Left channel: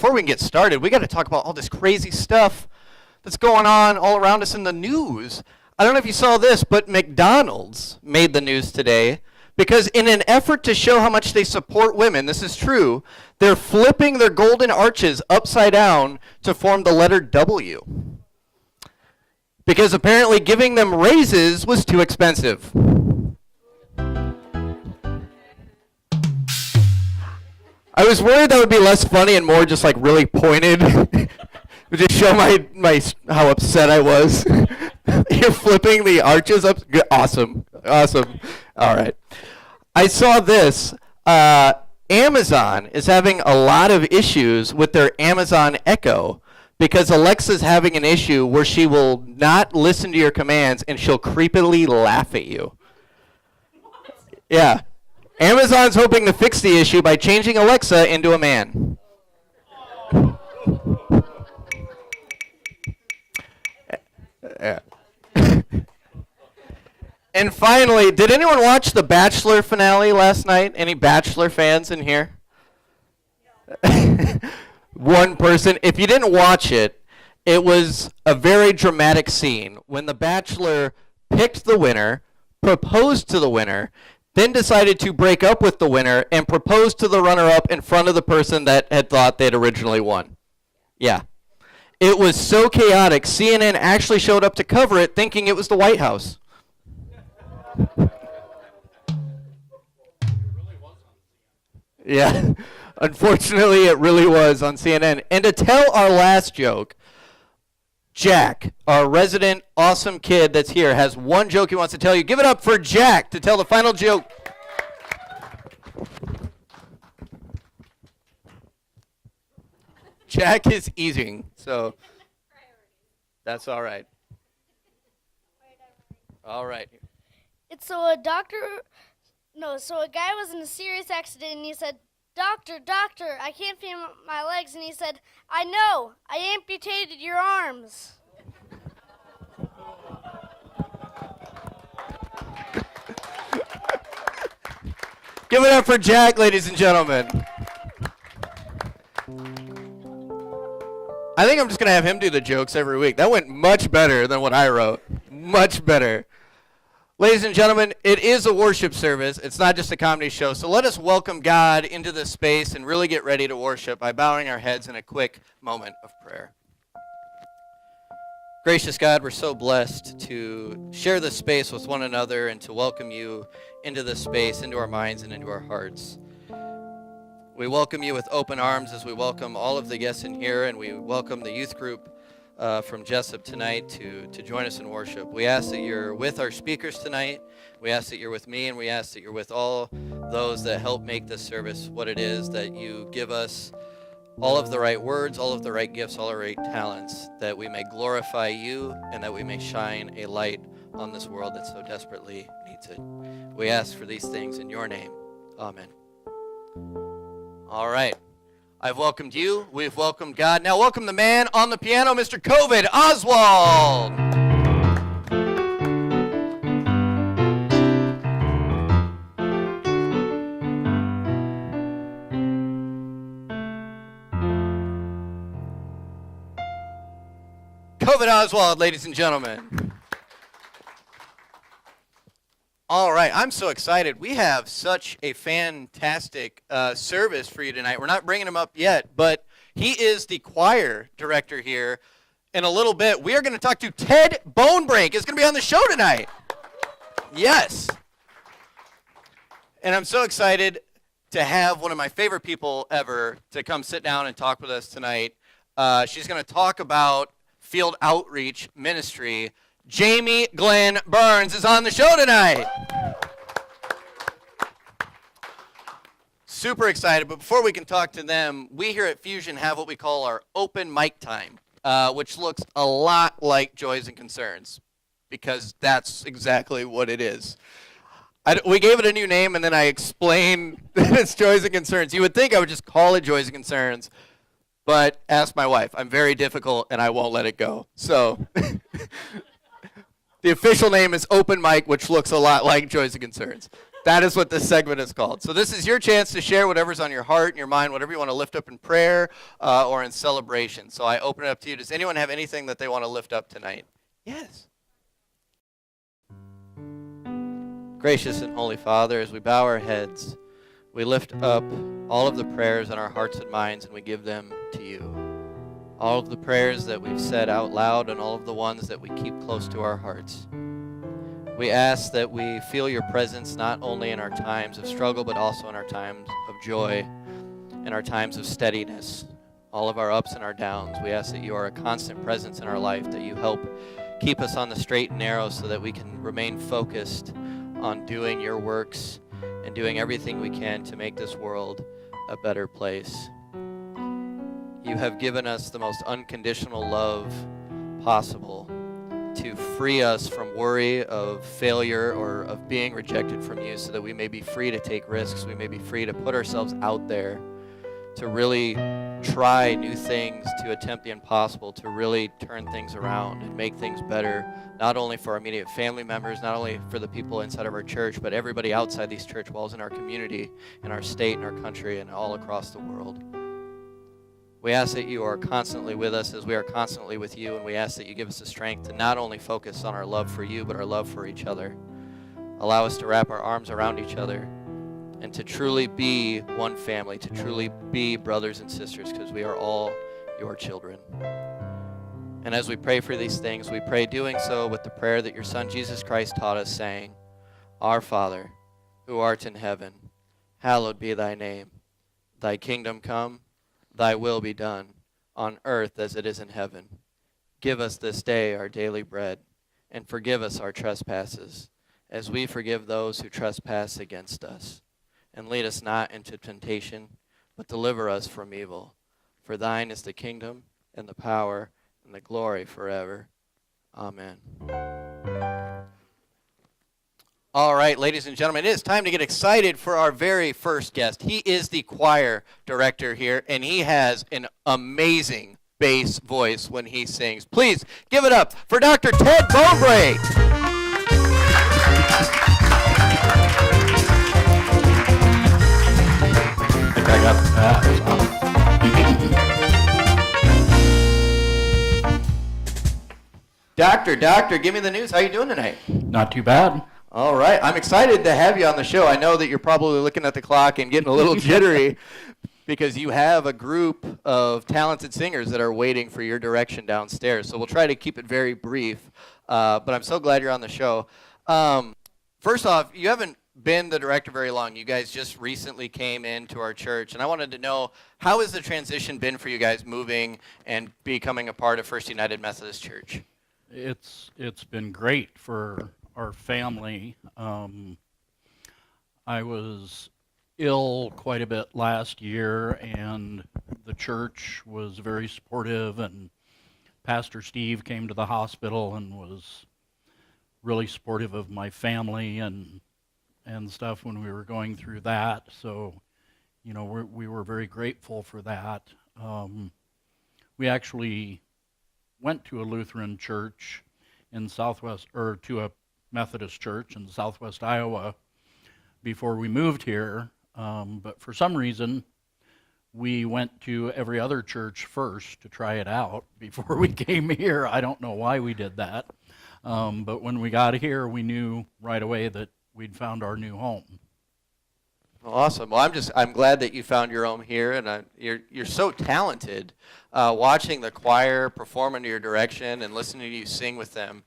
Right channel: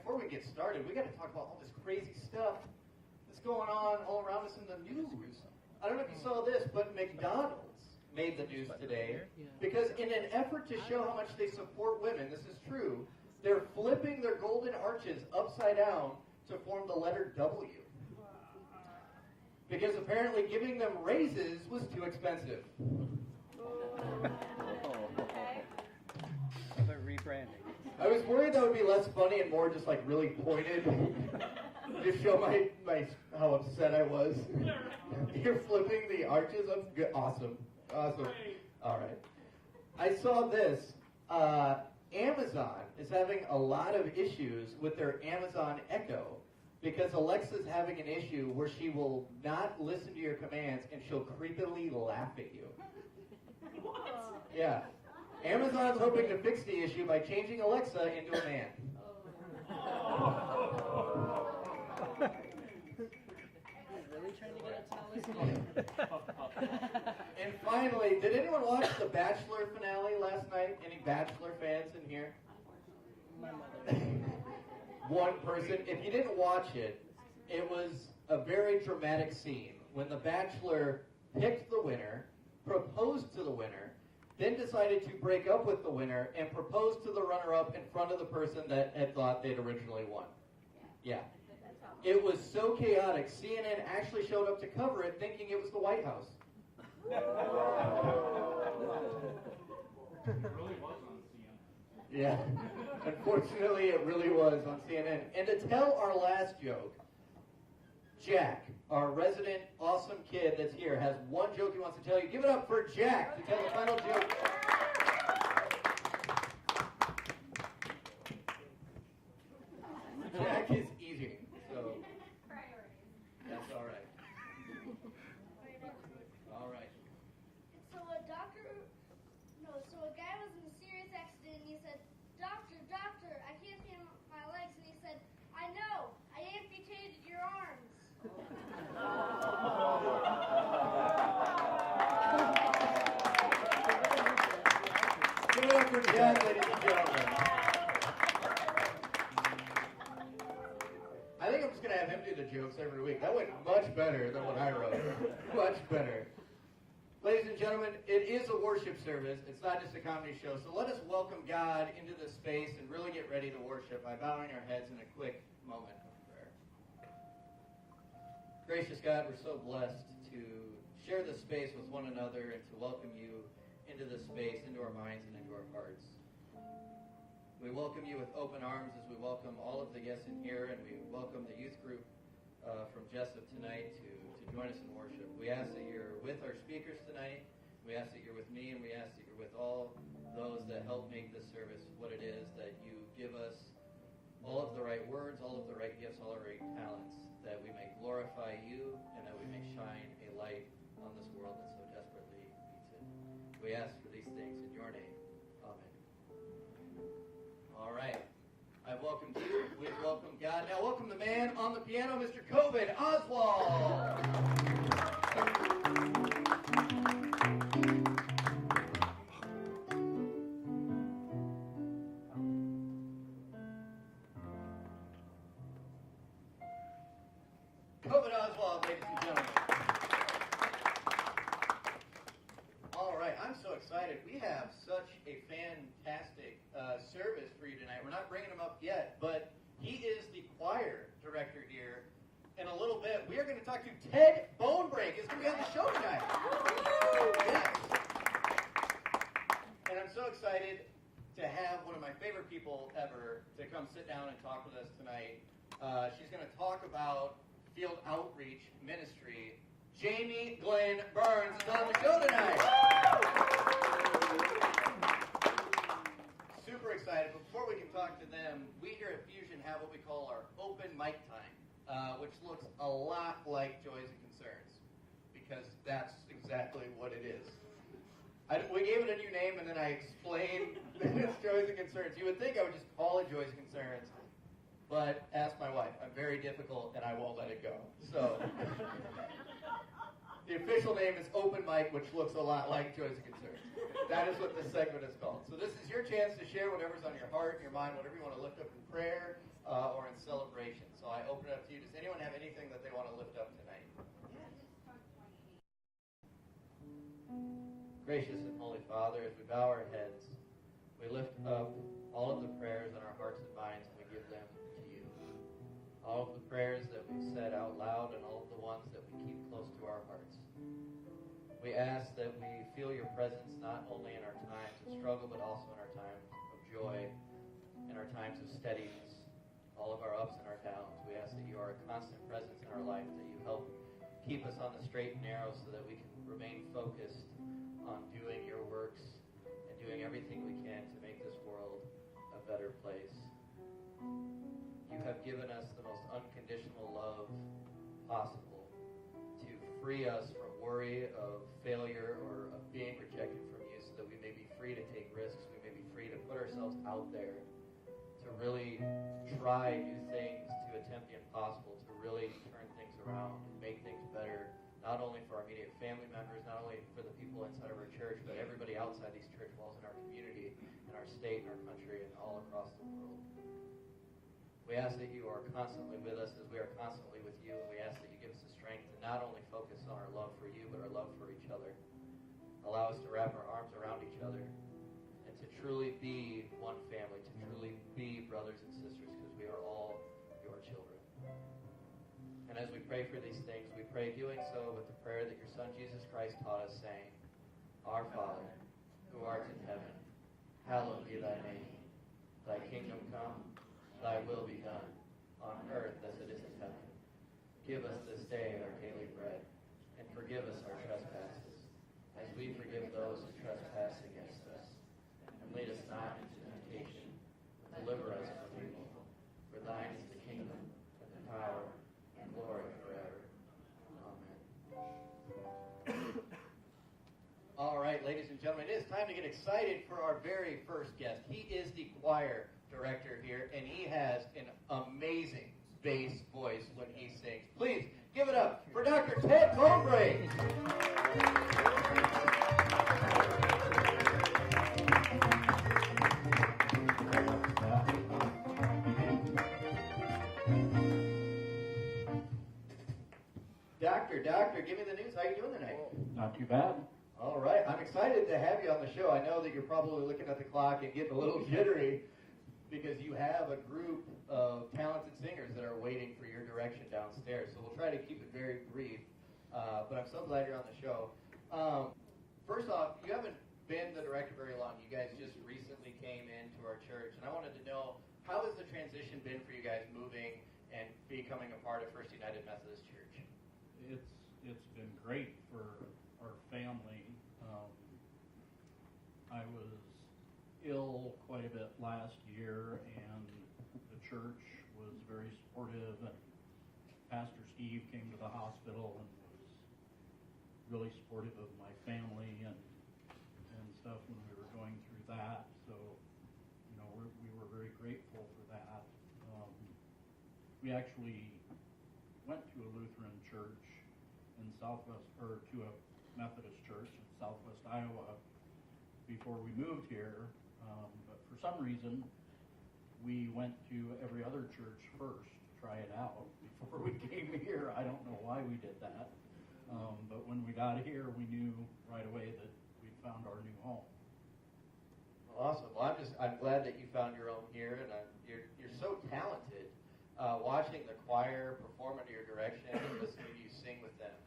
before we can get started, we got to talk about all this crazy stuff that's going on all around us in the news. I don't know if you saw this, but McDonald's made the news today because in an effort to show how much they support women, this is true, they're flipping their golden arches upside down to form the letter W. Because apparently giving them raises was too expensive. I was worried that would be less funny and more just like really pointed. Just show my how upset I was. You're flipping the arches up. Good. Awesome. All right. I saw this. Amazon is having a lot of issues with their Amazon Echo because Alexa's having an issue where she will not listen to your commands and she'll creepily laugh at you. Yeah. Amazon's hoping to fix the issue by changing Alexa into a man. Yeah. And finally, did anyone watch the Bachelor finale last night? Any Bachelor fans in here? One person. If you didn't watch it, it was a very dramatic scene when the Bachelor picked the winner, proposed to the winner, then decided to break up with the winner and propose to the runner-up in front of the person that had thought they'd originally won. Yeah. It was so chaotic, CNN actually showed up to cover it thinking it was the White House. Yeah. Unfortunately, it really was on CNN. And to tell our last joke, Jack, our resident awesome kid that's here, has one joke he wants to tell you. Give it up for Jack to tell the final joke. Jack is eating, so that's all right. All right. So a guy was in a serious accident and he said, Doctor, I can't feel my legs. And he said, I know, I amputated your arms. Give it up for Jack, ladies and gentlemen. I think I'm just going to have him do the jokes every week. That went much better than what I wrote. Much better. Ladies and gentlemen, it is a worship service. It's not just a comedy show. So let us welcome God into this space and really get ready to worship by bowing our heads in a quick moment of prayer. Gracious God, we're so blessed to share this space with one another and to welcome you into this space, into our minds and into our hearts. We welcome you with open arms as we welcome all of the guests in here, and we welcome the youth group from Jessup tonight to join us in worship. We ask that you're with our speakers tonight. We ask that you're with me, and we ask that you're with all those that help make this service what it is, that you give us all of the right words, all of the right gifts, all the right talents, that we may glorify you and that we may shine a light on this world that so desperately needs it. We ask for these things in your name. Amen. All right. I've welcomed you. We've welcomed God. Now welcome the man on the piano, Mr. Coved Oswald. Coved Oswald, ladies and gentlemen. All right, I'm so excited. We have such a fantastic service for you tonight. We're not bringing him up yet, but he is the choir director here. In a little bit, we are going to talk to Ted Bonebrake. He's going to be on the show tonight. Yes. And I'm so excited to have one of my favorite people ever to come sit down and talk with us tonight. She's going to talk about field outreach ministry. Jaymee Glenn-burns is on the show tonight. Super excited, but before we can talk to them, we here at Fusion have what we call our open mic time, which looks a lot like Joys and Concerns, because that's exactly what it is. We gave it a new name, and then I explained that it's Joys and Concerns. You would think I would just call it Joys and Concerns, but ask my wife. I'm very difficult, and I won't let it go. So the official name is Open Mic, which looks a lot like Joys and Concerns. That is what this segment is called. So this is your chance to share whatever's on your heart and your mind, whatever you want to lift up in prayer or in celebration. So I open it up to you. Does anyone have anything that they want to lift up tonight? Yes. Gracious and Holy Father, as we bow our heads, we lift up all of the prayers in our hearts and minds, and we give them to you. All of the prayers that we've said out loud and all of the ones that we keep close to our hearts. We ask that we feel your presence not only in our times of struggle, but also in our times of joy, in our times of steadiness, all of our ups and our downs. We ask that you are a constant presence in our life, that you help keep us on the straight and narrow so that we can remain focused on doing your works and doing everything we can to make this world a better place. You have given us the most unconditional love possible to free us from worry of failure or of being rejected from you so that we may be free to take risks, we may be free to put ourselves out there, to really try new things, to attempt the impossible, to really turn things around and make things better, not only for our immediate family members, not only for the people inside of our church, but everybody outside these church walls in our community, in our state, in our country, and all across the world. We ask that you are constantly with us as we are constantly with you, and we ask that you give us the strength to not only focus on our love for you, but our love for each other. Allow us to wrap our arms around each other and to truly be one family, to truly be brothers and sisters, because we are all your children. And as we pray for these things, we pray doing so with the prayer that your Son Jesus Christ taught us, saying, Our Father, who art in heaven, hallowed be thy name. Thy kingdom come, thy will be done, on earth as it is in heaven. Give us this day our daily bread, and forgive us our trespasses, as we forgive those who trespass against us. And lead us not into temptation, but deliver us from evil. For thine is the kingdom, and the power, and the glory forever. Amen. All right, ladies and gentlemen, it is time to get excited for our very first guest. He is the choir director here, and he has an amazing bass voice when he sings. Please give it up for Dr. Ted Bonebrake. I think I got that. Doctor, give me the news. How you doing tonight? Not too bad. All right. I'm excited to have you on the show. I know that you're probably looking at the clock and getting a little jittery because you have a group of talented singers that are waiting for your direction downstairs. So we'll try to keep it very brief, but I'm so glad you're on the show. First off, you haven't been the director very long. You guys just recently came into our church, and I wanted to know, how has the transition been for you guys moving and becoming a part of First United Methodist Church? It's been great for our family. I was ill quite a bit last year, and the church was very supportive, and Pastor Steve came to the hospital and was really supportive of my family and stuff when we were going through that. So, you know, we were very grateful for that. We actually went to a Lutheran church in Southwest, or to a Methodist church in Southwest Iowa before we moved here, but for some reason we went to every other church first to try it out before we came here. I don't know why we did that, but when we got here we knew right away that we'd found our new home. Awesome. Well, I'm glad that you found your home here, and you're so talented. Watching the choir perform under your direction and listening to you sing with them,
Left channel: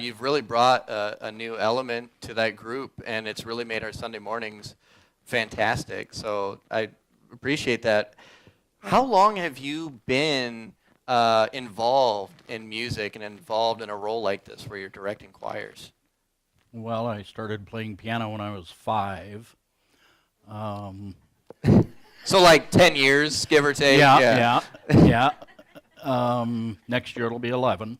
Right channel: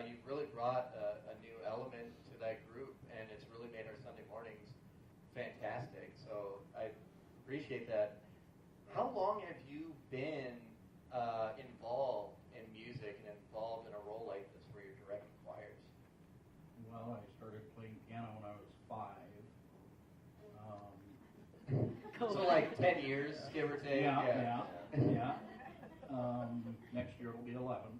you've really brought a new element to that group, and it's really made our Sunday mornings fantastic. So I appreciate that. How long have you been involved in music and involved in a role like this where you're directing choirs? Well, I started playing piano when I was 5. So like 10 years, give or take? Yeah. Next year it'll be 11.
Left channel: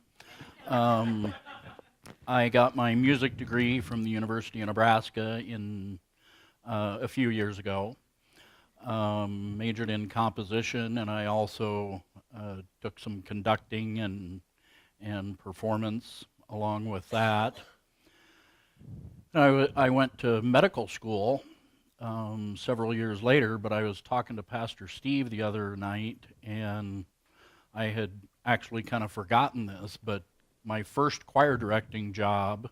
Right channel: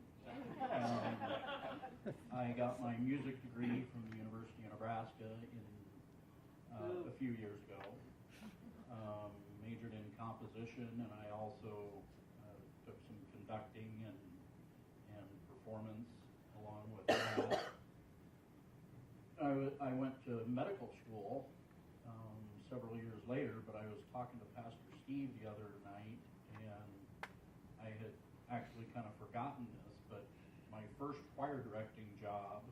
I got my music degree from the University of Nebraska a few years ago. Majored in composition, and I also took some conducting and performance along with that. I went to medical school several years later, but I was talking to Pastor Steve the other night, and I had actually kind of forgotten this, but my first choir directing job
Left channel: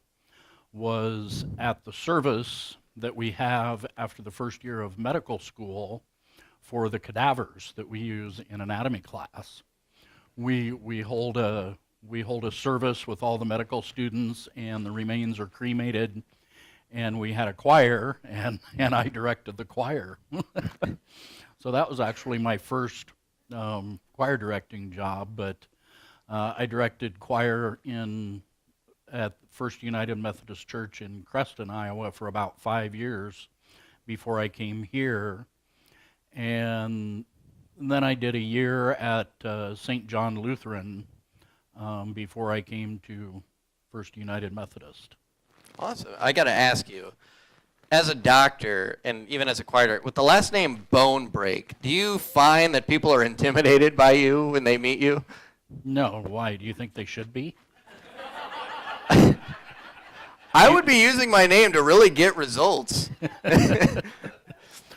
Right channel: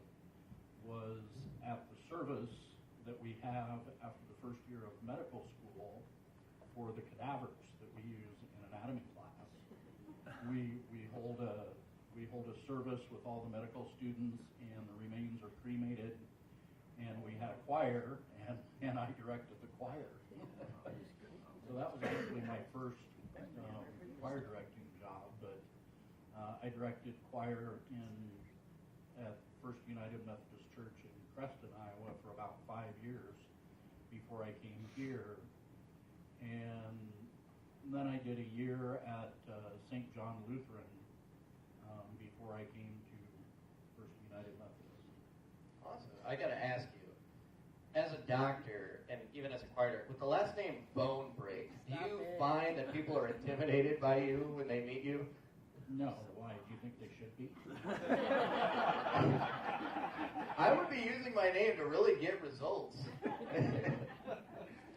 was at the service that we have after the first year of medical school for the cadavers that we use in anatomy class. We hold a service with all the medical students, and the remains are cremated, and we had a choir, and I directed the choir. So that was actually my first choir directing job, but I directed choir at First United Methodist Church in Creston, Iowa for about 5 years before I came here. And then I did a year at St. John Lutheran before I came to First United Methodist. Awesome. I got to ask you, as a doctor and even as a choir director, with the last name Bonebrake, do you find that people are intimidated by you when they meet you? No. Why? Do you think they should be? I would be using my name to really get results.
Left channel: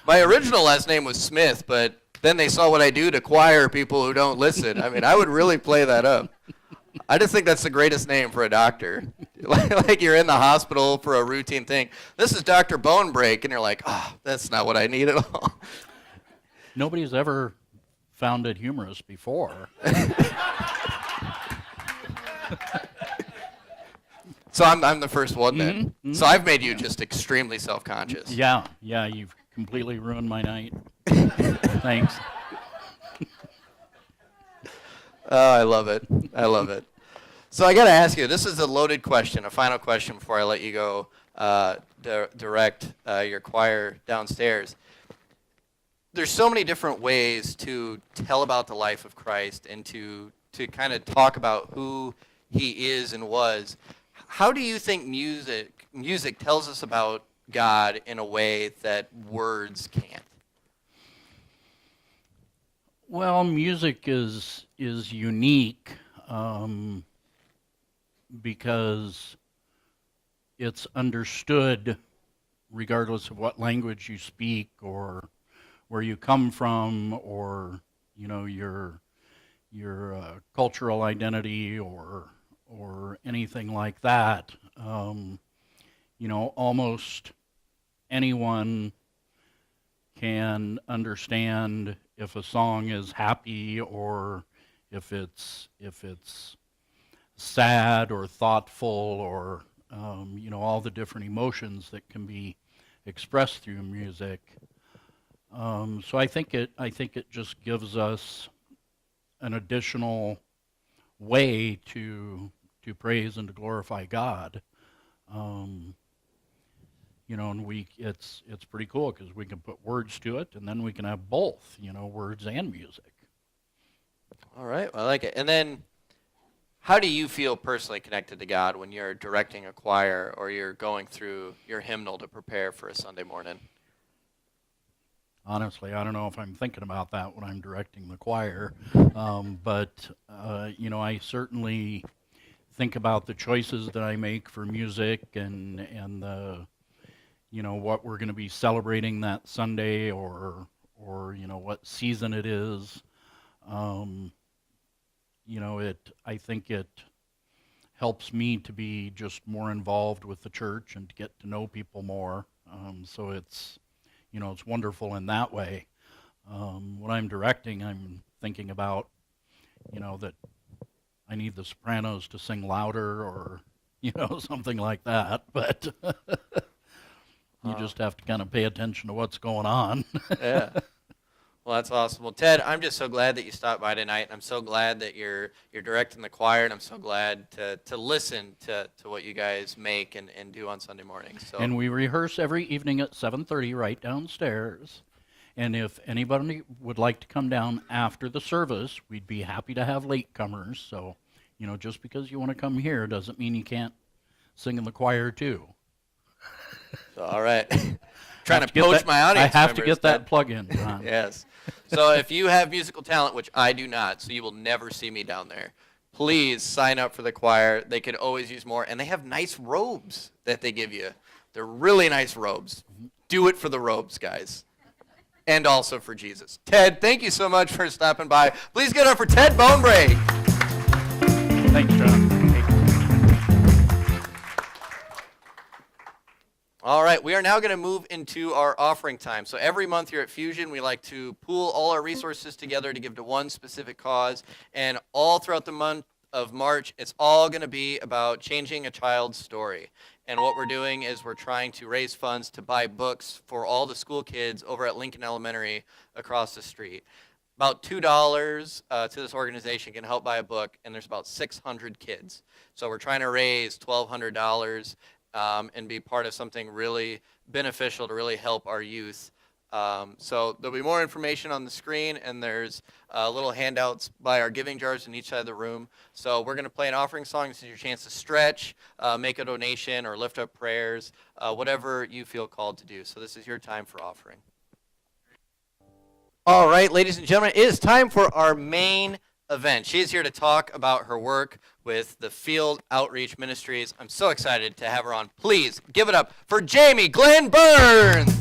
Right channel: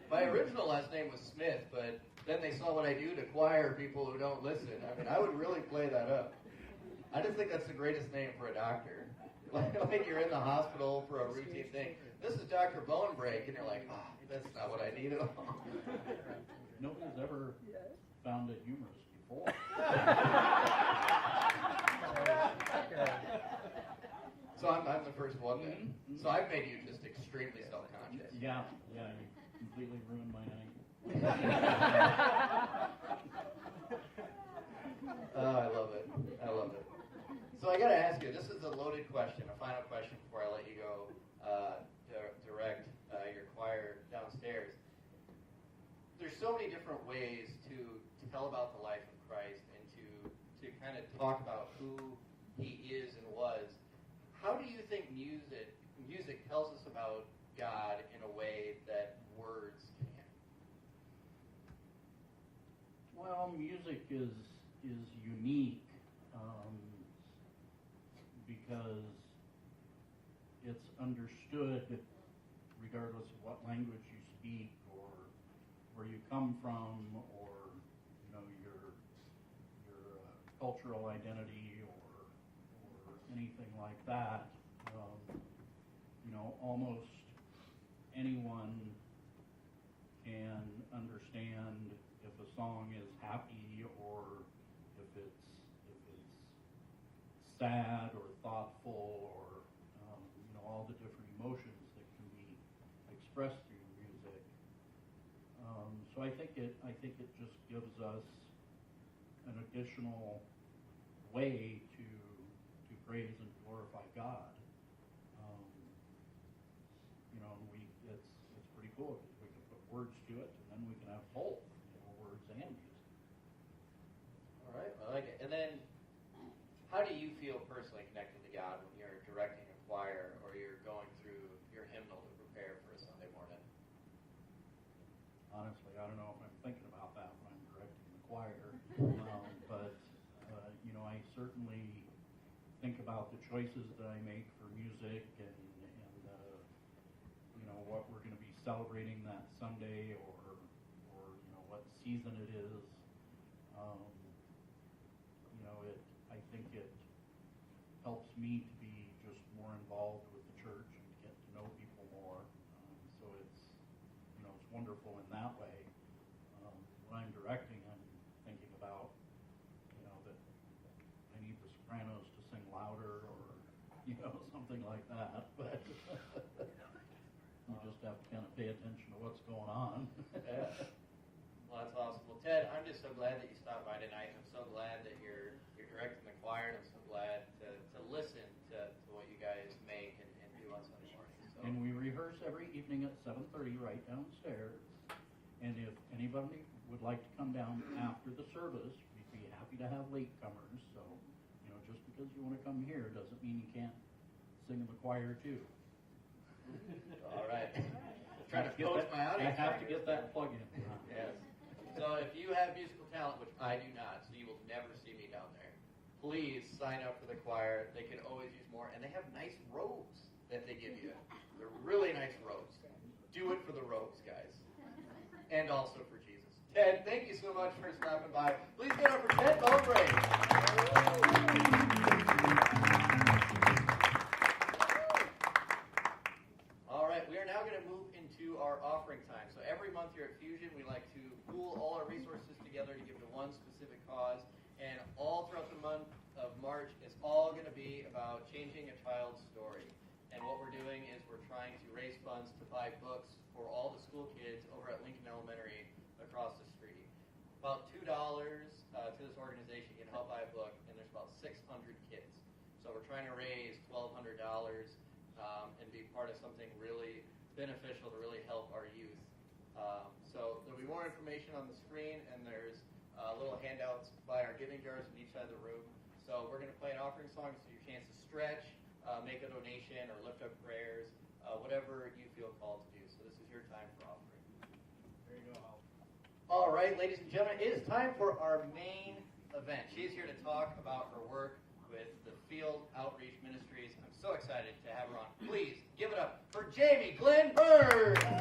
My original last name was Smith, but then they saw what I do to choir people who don't listen. I mean, I would really play that up. I just think that's the greatest name for a doctor. Like you're in the hospital for a routine thing. This is Dr. Bonebrake, and you're like, oh, that's not what I need at all. Nobody's ever found it humorous before. So I'm the first one then. Mm-hmm. So I've made you just extremely self-conscious. Yeah, you've completely ruined my night. Thanks. Oh, I love it. I love it. So I got to ask you, this is a loaded question, a final question before I let you go direct your choir downstairs. There's so many different ways to tell about the life of Christ and to kind of talk about who he is and was. How do you think music tells us about God in a way that words can't? Well, music is unique because it's understood regardless of what language you speak or where you come from or your cultural identity or anything like that. Almost anyone can understand if a song is happy or if it's sad or thoughtful or all the different emotions that can be expressed through music. So I think it just gives us an additional way to praise and to glorify God. And it's pretty cool because we can put words to it, and then we can have both, words and music. All right, I like it. And then, how do you feel personally connected to God when you're directing a choir or you're going through your hymnal to prepare for a Sunday morning? Honestly, I don't know if I'm thinking about that when I'm directing the choir, but I certainly think about the choices that I make for music and the what we're going to be celebrating that Sunday or what season it is. I think it helps me to be just more involved with the church and to get to know people more. So it's wonderful in that way. When I'm directing, I'm thinking about that I need the sopranos to sing louder or something like that, but you just have to kind of pay attention to what's going on. Yeah. Well, that's awesome. Well, Ted, I'm just so glad that you stopped by tonight. I'm so glad that you're directing the choir, and I'm so glad to listen to what you guys make and do on Sunday mornings. So. And we rehearse every evening at 7:30 right downstairs. And if anybody would like to come down after the service, we'd be happy to have latecomers. So, just because you want to come here doesn't mean you can't sing in the choir too. All right. Trying to poach my audience I have to members, get that Ted. plug in, John. Yes. So if you have musical talent, which I do not, so you will never see me down there, please sign up for the choir. They could always use more. And they have nice robes that they give you They're really nice robes. Do it for the robes, guys. And also for Jesus. Ted, thank you so much for stopping by. Please get up for Ted Bonebrake. Thanks, John. All right, we are now going to move into our offering time. So every month here at Fusion, we like to pool all our resources together to give to one specific cause. And all throughout the month of March, it's all going to be about changing a child's story. And what we're doing is we're trying to raise funds to buy books for all the school kids over at Lincoln Elementary across the street. About $2 to this organization can help buy a book, and there's about 600 kids. So we're trying to raise $1,200 and be part of something really beneficial to really help our youth. So there'll be more information on the screen, and there's little handouts by our giving jars in each side of the room. So we're going to play an offering song. This is your chance to stretch, make a donation, or lift up prayers, whatever you feel called to do. So this is your time for offering. All right, ladies and gentlemen, it is time for our main event. She is here to talk about her work with the Field Outreach Ministries. I'm so excited to have her on. Please give it up for Jaymee Glenn-burns.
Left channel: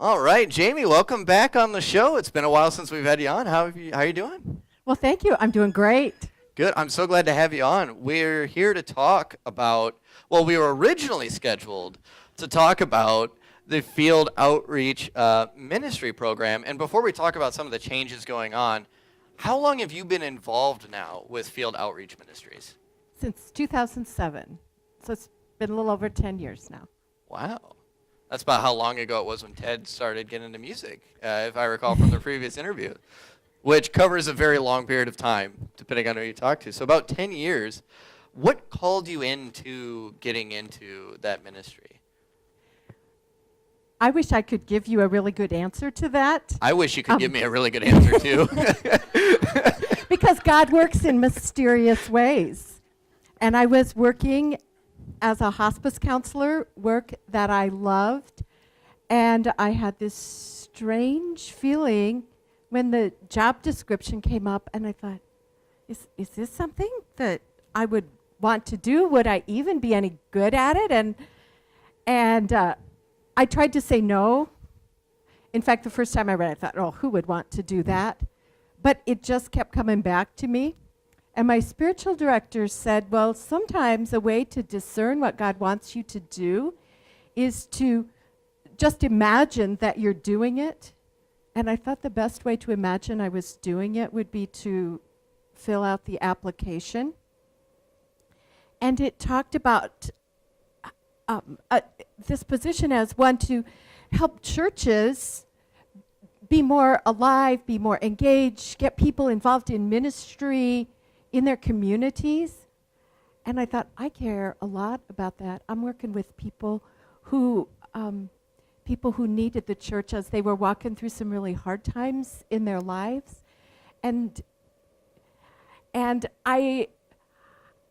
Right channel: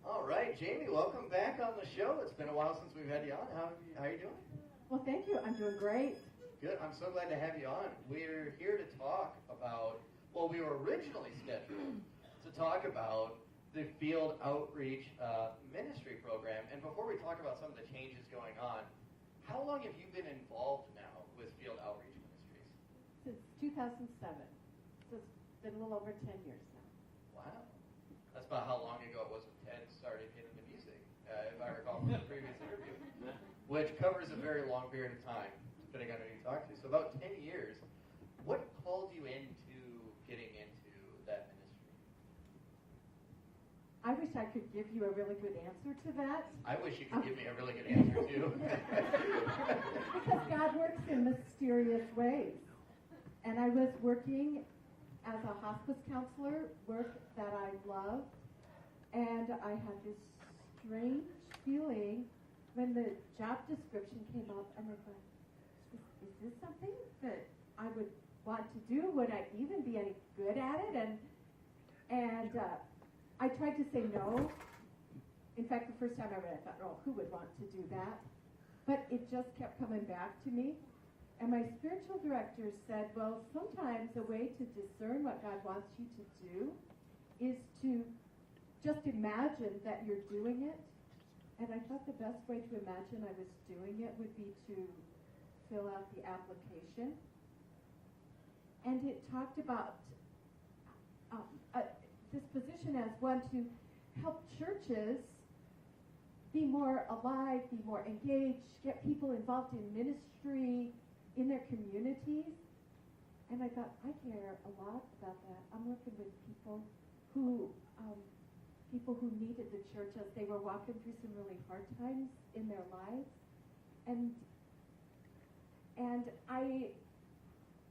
All right, Jaymee, welcome back on the show. It's been a while since we've had you on. How are you doing? Well, thank you. I'm doing great. Good. I'm so glad to have you on. We're here to talk about, well, we were originally scheduled to talk about the Field Outreach Ministry Program. And before we talk about some of the changes going on, how long have you been involved now with Field Outreach Ministries? Since 2007. So it's been a little over 10 years now. Wow. That's about how long ago it was when Ted started getting into music, if I recall from the previous interview, which covers a very long period of time, depending on who you talk to. So about 10 years. What called you into getting into that ministry? I wish I could give you a really good answer to that. I wish you could give me a really good answer, too. Because God works in mysterious ways. And I was working as a hospice counselor, work that I loved. And I had this strange feeling when the job description came up, and I thought, is this something that I would want to do? Would I even be any good at it? And I tried to say no. In fact, the first time I read it, I thought, oh, who would want to do that? But it just kept coming back to me. And my spiritual director said, well, sometimes a way to discern what God wants you to do is to just imagine that you're doing it. And I thought the best way to imagine I was doing it would be to fill out the application. And it talked about this position as one to help churches be more alive, be more engaged, get people involved in ministry in their communities. And I thought, I care a lot about that. I'm working with people who needed the church as they were walking through some really hard times in their lives. And I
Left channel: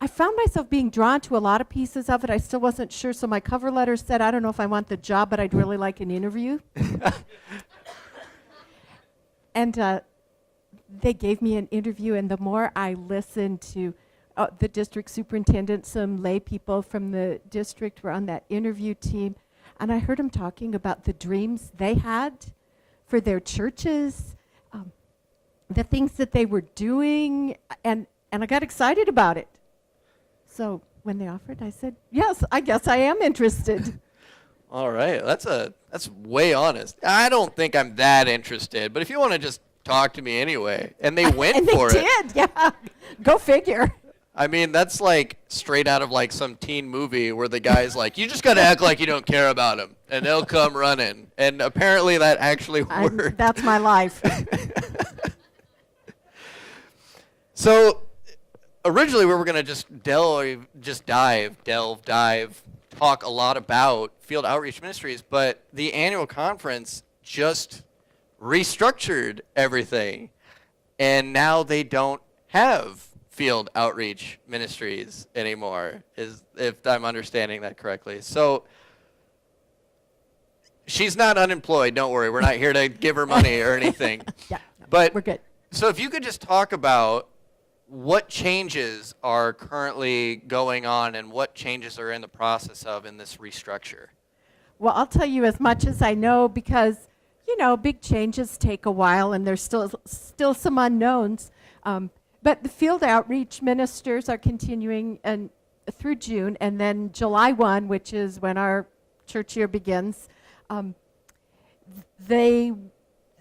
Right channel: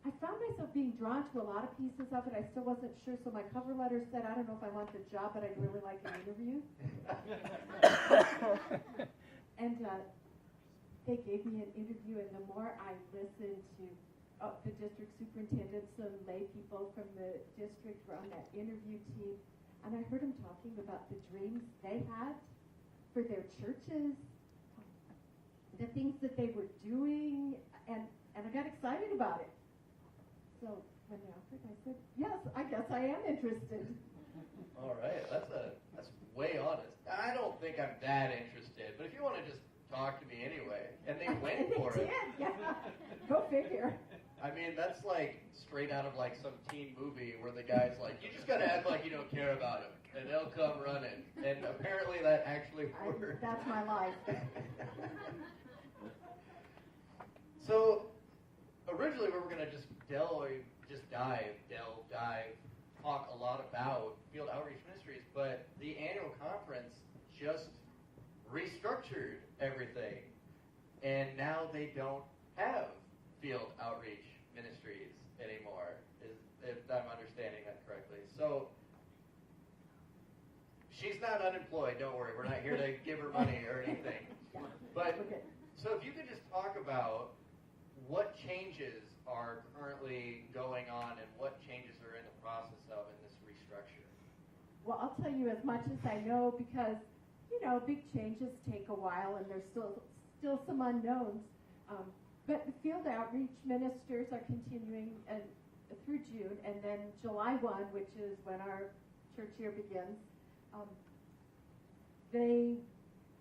found myself being drawn to a lot of pieces of it. I still wasn't sure, so my cover letter said, I don't know if I want the job, but I'd really like an interview. And they gave me an interview, and the more I listened to the district superintendent, some lay people from the district were on that interview team, and I heard them talking about the dreams they had for their churches, the things that they were doing, and I got excited about it. So when they offered, I said, yes, I guess I am interested. All right, that's way honest. I don't think I'm that interested, but if you want to just talk to me anyway. And they went and for it. And they did, yeah. Go figure. I mean, that's like straight out of like some teen movie where the guy's like, you just got to act like you don't care about him, and they'll come running. And apparently that actually worked. That's my life. So originally we were going to just dive, talk a lot about Field Outreach Ministries, but the annual conference just restructured everything, and now they don't have Field Outreach Ministries anymore, if I'm understanding that correctly. So she's not unemployed. Don't worry. We're not here to give her money or anything. Yeah, But we're good. so if you could just talk about what changes are currently going on and what changes are in the process of in this restructure. Well, I'll tell you as much as I know because, big changes take a while and there's still some unknowns. But the field outreach ministers are continuing through June, and then July 1, which is when our church year begins, they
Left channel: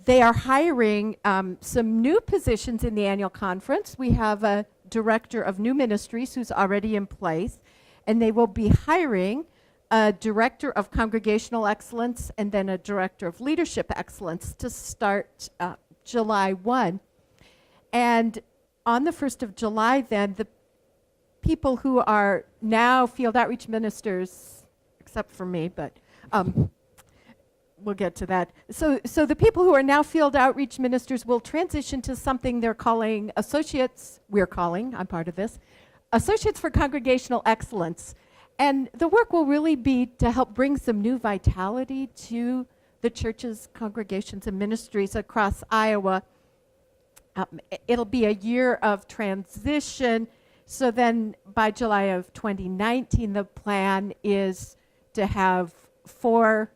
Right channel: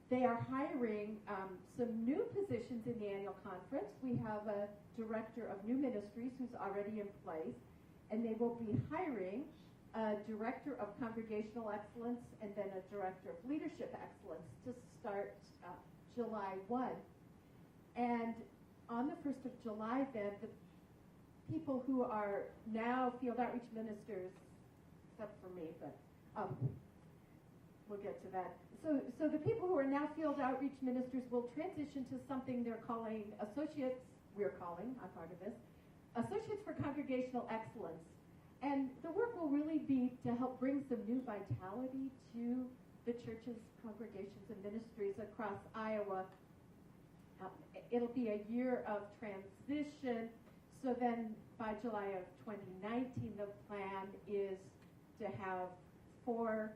are hiring some new positions in the annual conference. We have a director of new ministries who's already in place, and they will be hiring a director of congregational excellence and then a director of leadership excellence to start July 1. And on the 1st of July, then, the people who are now field outreach ministers, except for me, but we'll get to that. So the people who are now field outreach ministers will transition to something they're calling associates, I'm part of this, Associates for Congregational Excellence. And the work will really be to help bring some new vitality to the church's congregations and ministries across Iowa. It'll be a year of transition. So then by July of 2019, the plan is to have 4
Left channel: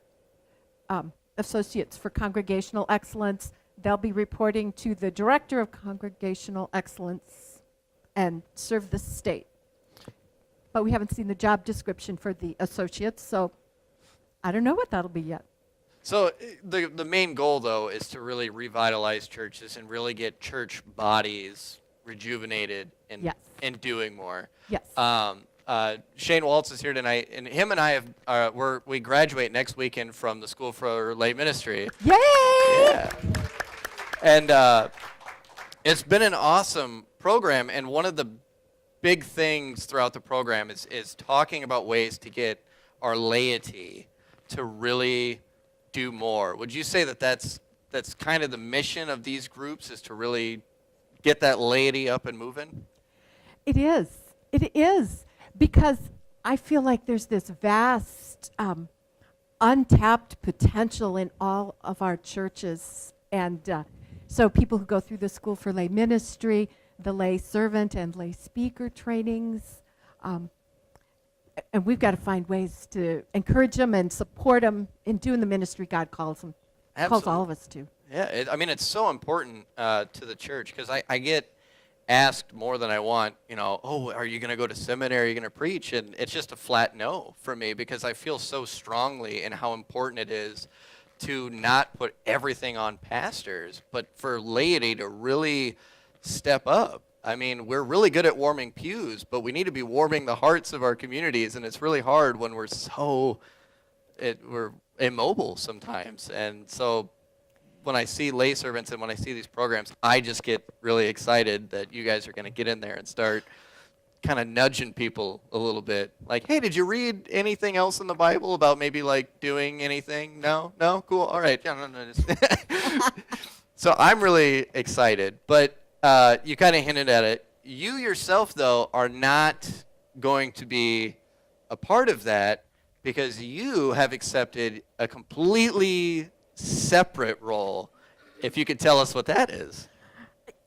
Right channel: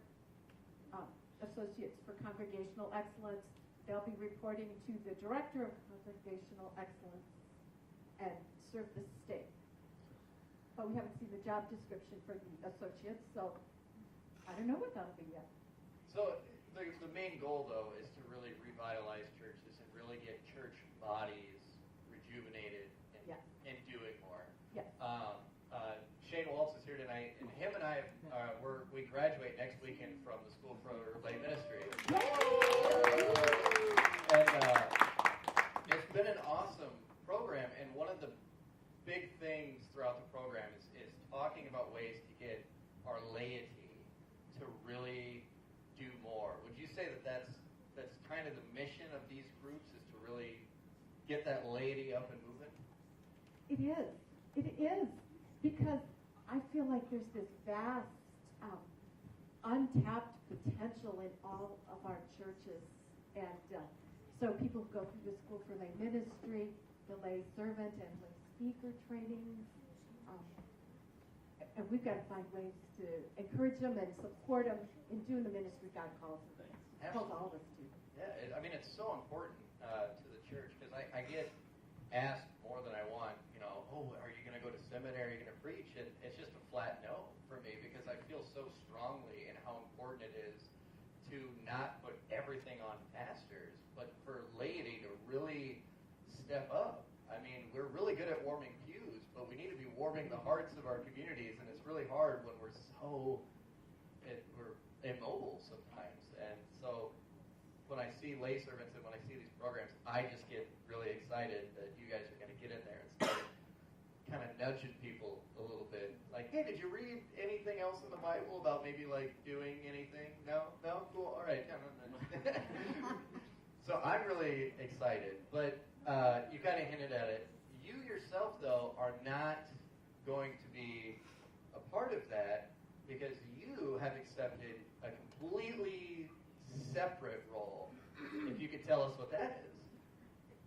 associates for congregational excellence. They'll be reporting to the director of congregational excellence and serve the state. But we haven't seen the job description for the associates, so I don't know what that'll be yet. So the main goal, though, is to really revitalize churches and really get church bodies rejuvenated and, Yes. and doing more. Yes. Shane Waltz is here tonight, and him and I we graduate next weekend from the School for Lay Ministry. Yay! Yeah. And it's been an awesome program, and one of the big things throughout the program is talking about ways to get our laity to really do more. Would you say that that's kind of the mission of these groups, is to really get that laity up and moving? It is. It is. Because I feel like there's this vast, untapped potential in all of our churches. And so people who go through the School for Lay Ministry, the lay servant and lay speaker trainings, and we've got to find ways to encourage them and support them in doing the ministry God calls them. Absolutely. Calls all of us to. Yeah, it's so important to the church, because I get asked more than I want, are you going to go to seminary, are you going to preach? And it's just a flat no for me, because I feel so strongly in how important it is to not put everything on pastors, but for laity to really step up. I mean, we're really good at warming pews, but we need to be warming the hearts of our communities, and it's really hard when we're we're immobile sometimes. And so when I see lay servants and when I see these programs, I just get really excited that you guys are going to get in there and start kind of nudging people a little bit. Like, hey, did you read anything else in the Bible about maybe like doing anything? No? Cool. All right. Yeah, no. So I'm really excited, but you kind of hinted at it. You yourself, though, are not going to be a part of that, because you have accepted a completely separate role. If you could tell us what that is.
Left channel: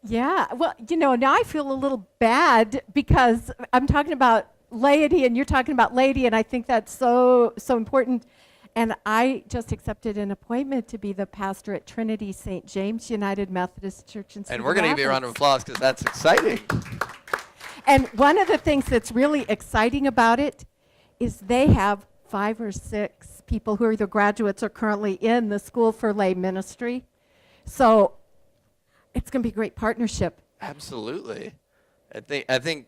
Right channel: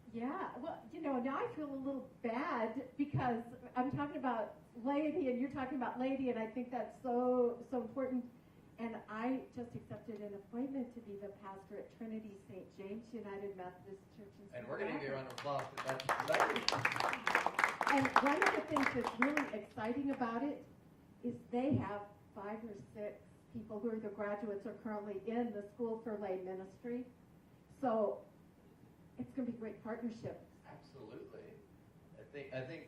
Yeah, well, now I feel a little bad because I'm talking about laity and you're talking about laity, and I think that's so important. And I just accepted an appointment to be the pastor at Trinity St. James United Methodist Church in Cedar And we're going to give you a round of applause, because that's exciting. And one of the things that's really exciting about it is they have 5 or 6 people who are either graduates or currently in the School for Lay Ministry. So it's going to be a great partnership. Absolutely. I think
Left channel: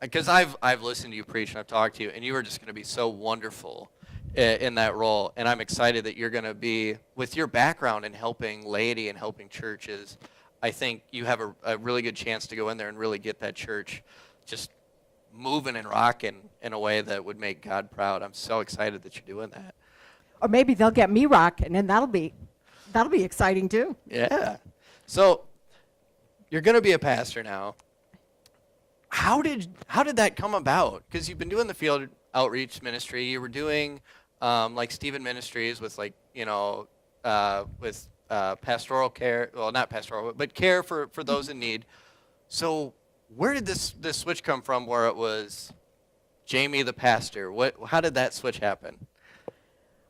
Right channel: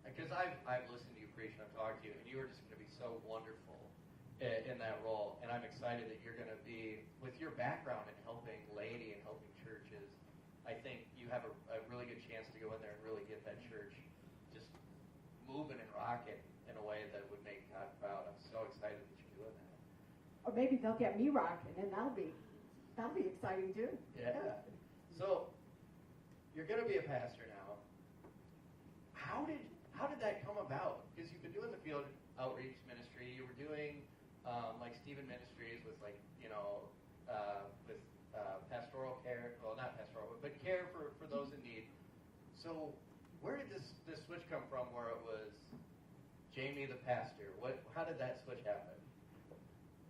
because I've listened to you preach and I've talked to you, and you are just going to be so wonderful in that role. And I'm excited that you're going to be, with your background in helping laity and helping churches, I think you have a really good chance to go in there and really get that church just moving and rocking in a way that would make God proud. I'm so excited that you're doing that. Or maybe they'll get me rocking, and that'll be exciting too. Yeah. So you're going to be a pastor now. How did that come about? Because you've been doing the field outreach ministry. You were doing like Stephen Ministries with with pastoral care, well, not pastoral, but care for those in need. So where did this switch come from where it was Jaymee the pastor? How did that switch happen?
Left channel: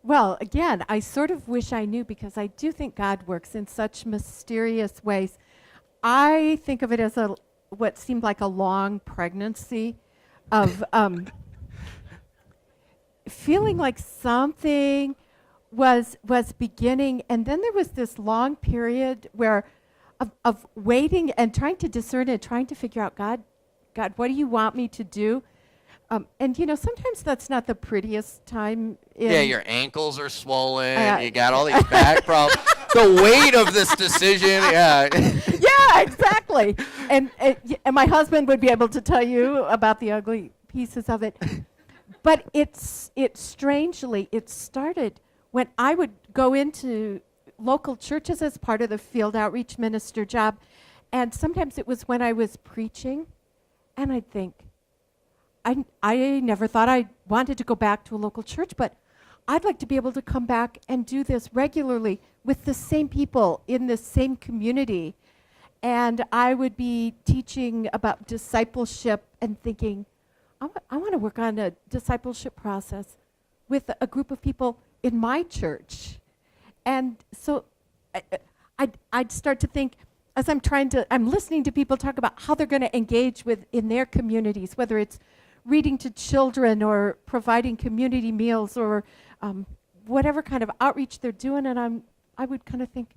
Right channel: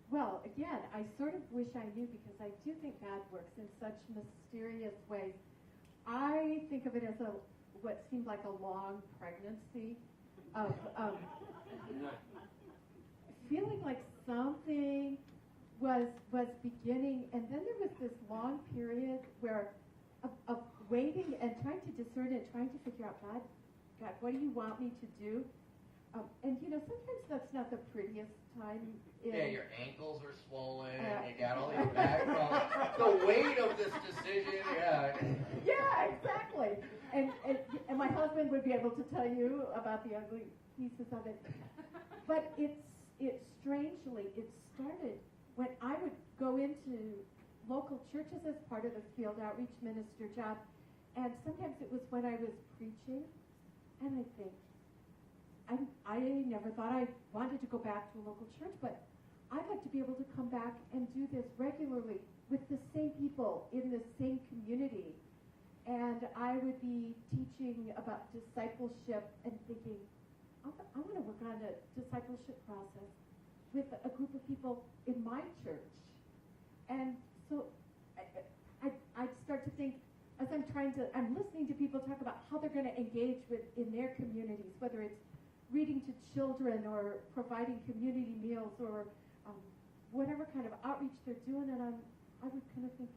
Well, again, I sort of wish I knew, because I do think God works in such mysterious ways. I think of it as what seemed like a long pregnancy of feeling like something was beginning, and then there was this long period of waiting and trying to discern and trying to figure out, God, what do you want me to do? And sometimes that's not the prettiest time. Yeah, your ankles are swollen. You got all these back problems. The weight of this decision. Yeah. Yeah, exactly. And my husband would be able to tell you about the ugly pieces of it. But it strangely started when I would go into local churches as part of the field outreach minister job, and sometimes it was when I was preaching, and I'd think, I never thought I wanted to go back to a local church, but I'd like to be able to come back and do this regularly with the same people in the same community. And I would be teaching about discipleship and thinking, I want to work on a discipleship process with a group of people in my church. And so I'd start to think, as I'm listening to people talk about how they're going to engage in their communities, whether it's reading to children or providing community meals or whatever kind of outreach they're doing, and I would kind of think,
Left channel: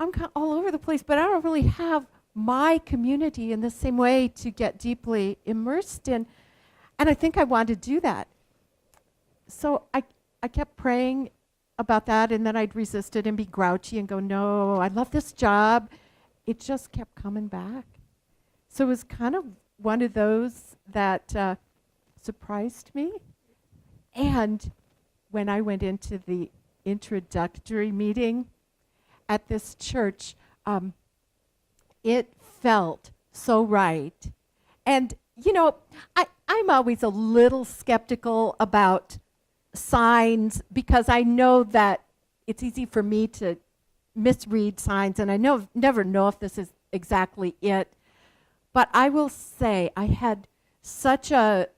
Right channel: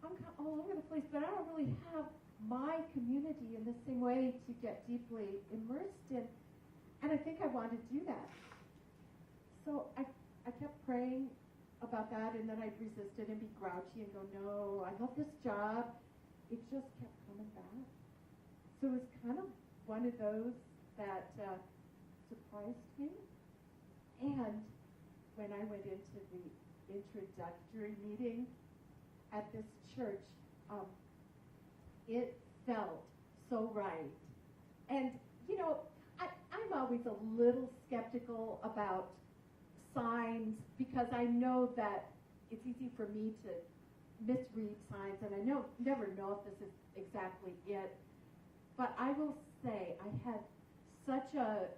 I'm all over the place, but I don't really have my community in the same way to get deeply immersed in, and I think I wanted to do that. So I kept praying about that, and then I'd resist it and be grouchy and go, no, I love this job. It just kept coming back. So it was kind of one of those that surprised me. And when I went into the introductory meeting at this church, it felt so right. And, I'm always a little skeptical about signs, because I know that it's easy for me to misread signs, and I never know if this is exactly it. But I will say I had such a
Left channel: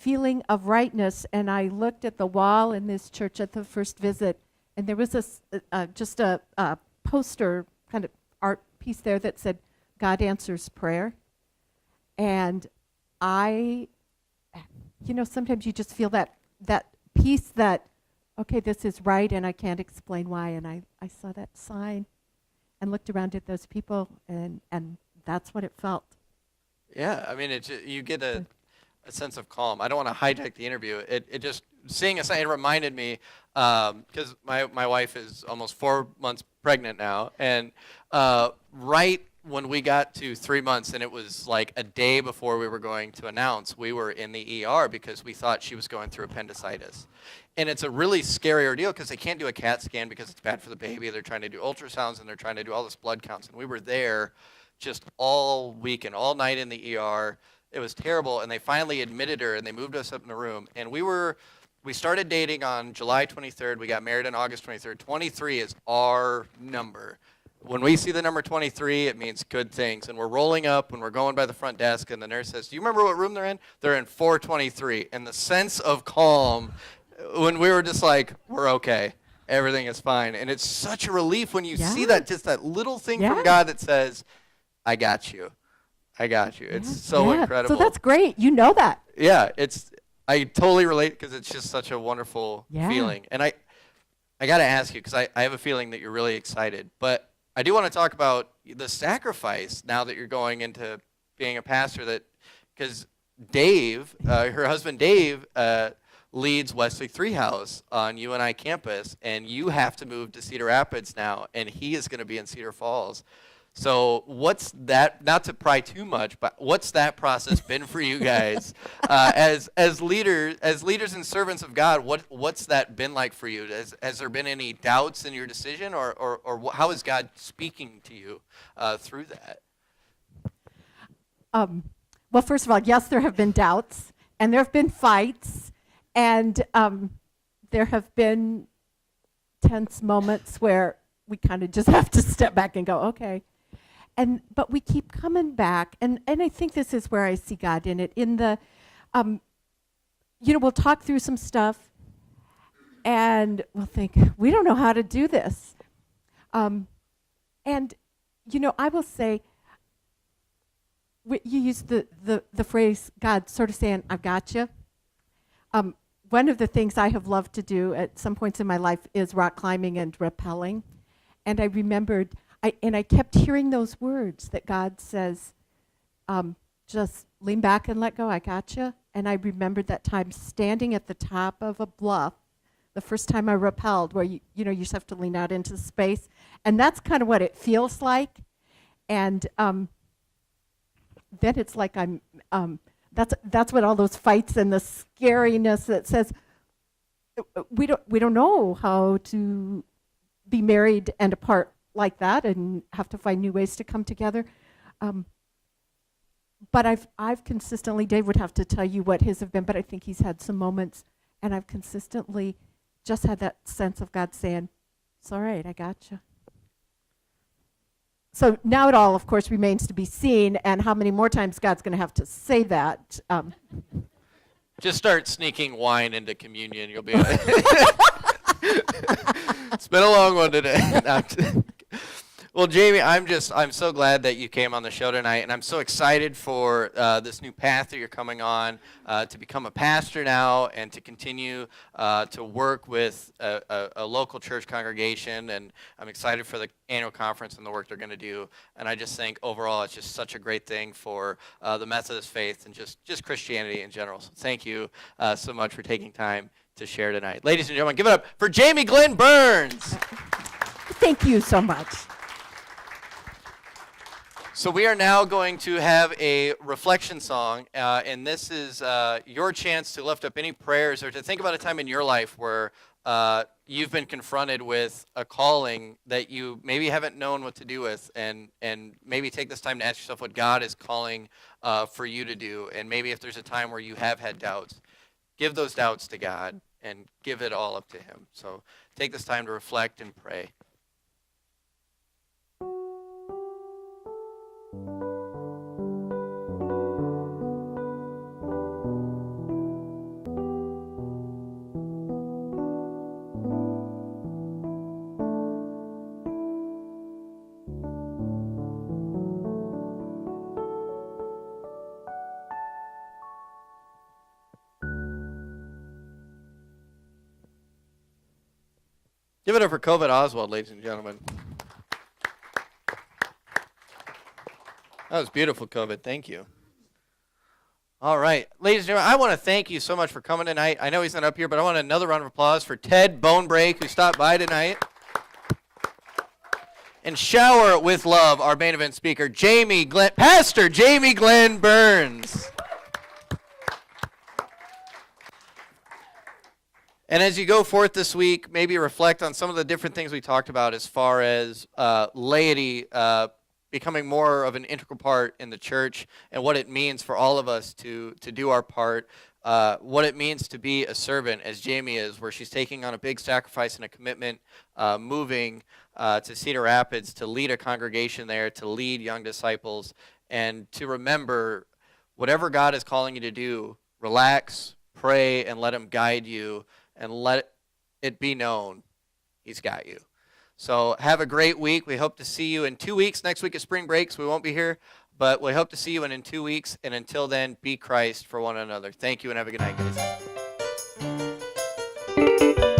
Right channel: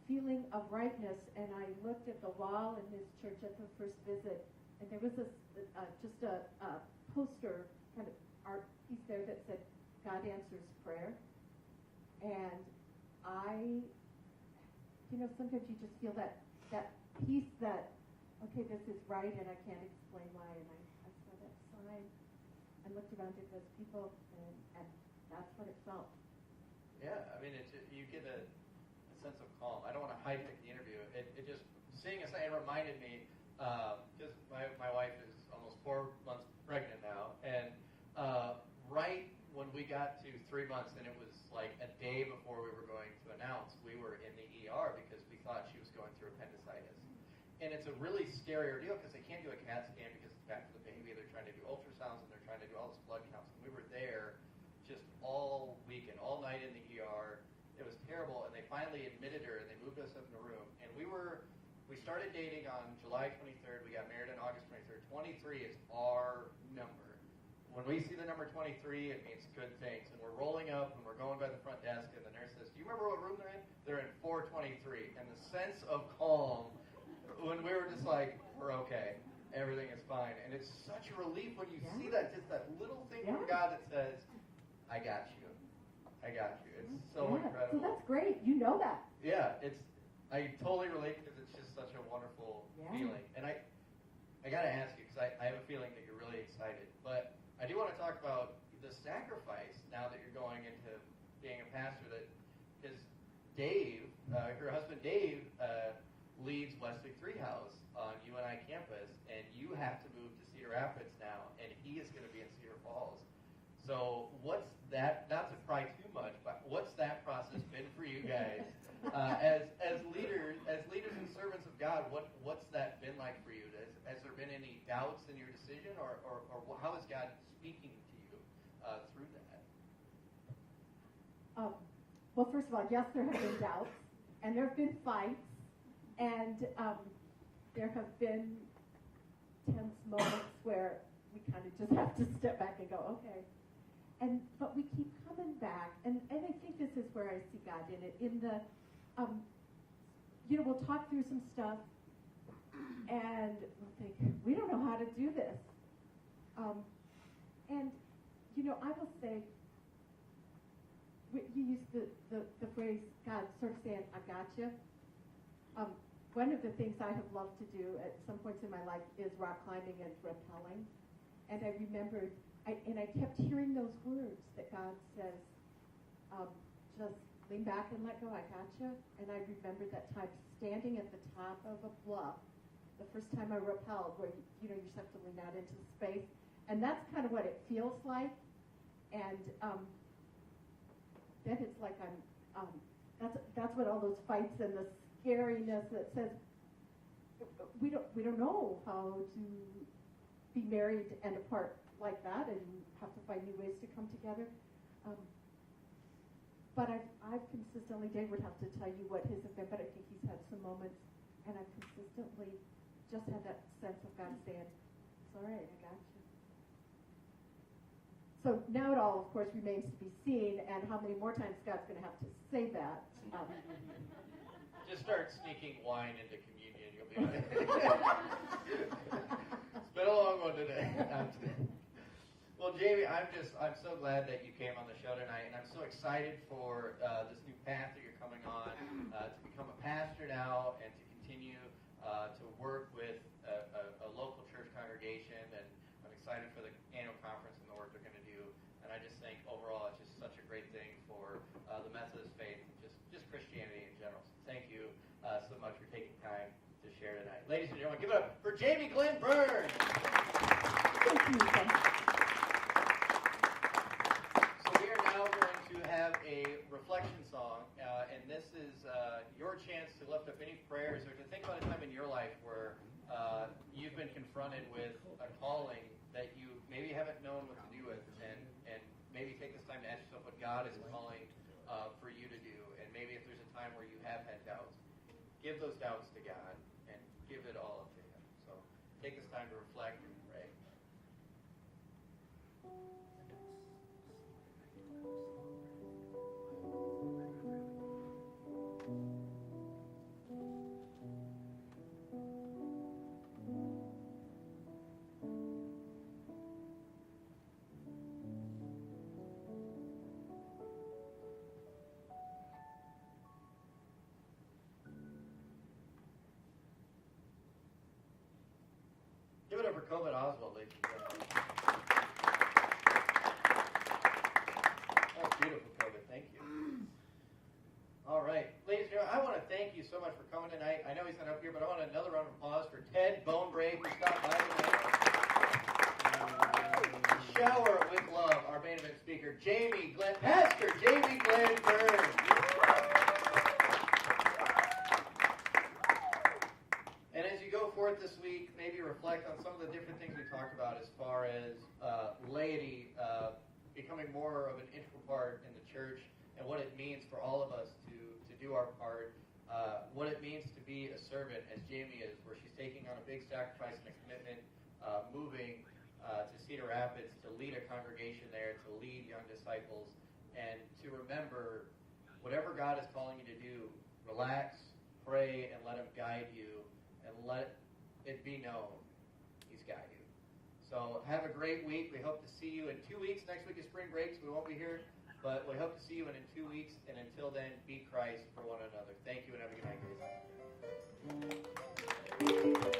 feeling of rightness, and I looked at the wall in this church at the first visit, and there was just a poster, kind of art piece there that said, God answers prayer. And sometimes you just feel that piece that, okay, this is right, and I can't explain why. And I saw that sign and looked around at those people, and that's what it felt. Yeah, I mean, you get a sense of calm. I don't want to hijack the interview. It just, seeing a sign, it reminded me, because my wife is almost 4 months pregnant now, and right when we got to 3 months, and it was like a day before we were going to announce, we were in the ER because we thought she was going through appendicitis. And it's a really scary ordeal because they can't do a CAT scan because it's bad for the baby. They're trying to do ultrasounds, and they're trying to do all this blood counts. And we were there just all week and all night in the ER. It was terrible, and they finally admitted her, and they moved us up in the room. And we started dating on July 23rd. We got married on August 23rd. 23 is our number. When we see the number 23, it means good things. And we're rolling up, and we're going by the front desk, and the nurse says, do you remember what room they're in? They're in 423. And the sense of calm, when we were just like, we're okay. Everything is fine. And it's such a relief when you see that, just that little thing from God that says, I got you. I got you. It's so incredible. So that's great. You know that. Yeah, I totally relate because it's just such a wonderful feeling. And I got to ask you, because I have a feeling that you're really excited. But I do want to talk about the sacrifice now that you're going into being a pastor, because Dave, her husband Dave, leads Wesley 3 House on UNI campus, and you have to move to Cedar Rapids now, and he is going to be in Cedar Falls. So what's that, not to pry too much, but what's that process been for you guys as leaders and servants of God? What's that been like for you? Has there been any doubts in your decision, or how is God speaking to you through that? Well, first of all, yes, there have been doubts, and there have been fights, and there have been tense moments where we kind of just have to step back and go, okay. But we keep coming back, and I think this is where I see God in it. In the, we'll talk through some stuff, and we'll think, we don't know how to do this. And, I will say, you use the phrase, God sort of saying, I've got you. One of the things I have loved to do at some points in my life is rock climbing and rappelling. And I remembered, I kept hearing those words that God says, just lean back and let go, I got you. And I remembered that time standing at the top of a bluff, the first time I rappelled, where you just have to lean out into space. And that's kind of what it feels like. And then it's like that's what all those fights and the scariness that says, we don't know how to be married and apart like that and have to find new ways to come together. But I've consistently, Dave would have to tell you what his have been, but I think he's had some moments, and I've consistently just had that sense of God saying, it's all right, I got you. So now it all, of course, remains to be seen, and how many more times God's going to have to say that. Just start sneaking wine into communion. You'll be. It's been a long one today. Well, Jaymee, I'm so glad that you came on the show tonight, and I'm so excited for this new path that you're coming on, to become a pastor now and to continue to work with a local church congregation, and I'm excited for the annual conference and the work they're going to do, and I just think overall it's just such a great thing for the Methodist faith and just Christianity in general. So thank you so much for taking time to share tonight. Ladies and gentlemen, give it up for Jaymee Glenn-burns. Thank you so much. So we are now going to have a reflection song, and this is your chance to lift up any prayers or to think about a time in your life where you've been confronted with a calling that you maybe haven't known what to do with, and maybe take this time to ask yourself what God is calling for you to do, and maybe if there's a time where you have had doubts, give those doubts to God and give it all up to Him. So take this time to reflect and pray. Give it up for Coved Oswald, ladies and gentlemen. That was beautiful, Coved. Thank you. All right. Ladies and gentlemen, I want to thank you so much for coming tonight. I know he's not up here, but I want another round of applause for Ted Bonebrake, who stopped by tonight. And shower with love our main event speaker, Pastor Jaymee Glenn-burns. And as you go forth this week, maybe reflect on some of the different things we talked about as far as laity becoming more of an integral part in the church, and what it means for all of us to do our part, what it means to be a servant, as Jaymee is, where she's taking on a big sacrifice and a commitment, moving to Cedar Rapids to lead a congregation there, to lead young disciples, and to remember whatever God is calling you to do, relax, pray, and let Him guide you. And let it be known He's got you. So have a great week. We hope to see you in 2 weeks. Next week is spring break, so we won't be here. But we hope to see you in 2 weeks. And until then, be Christ for one another. Thank you and have a good night, guys.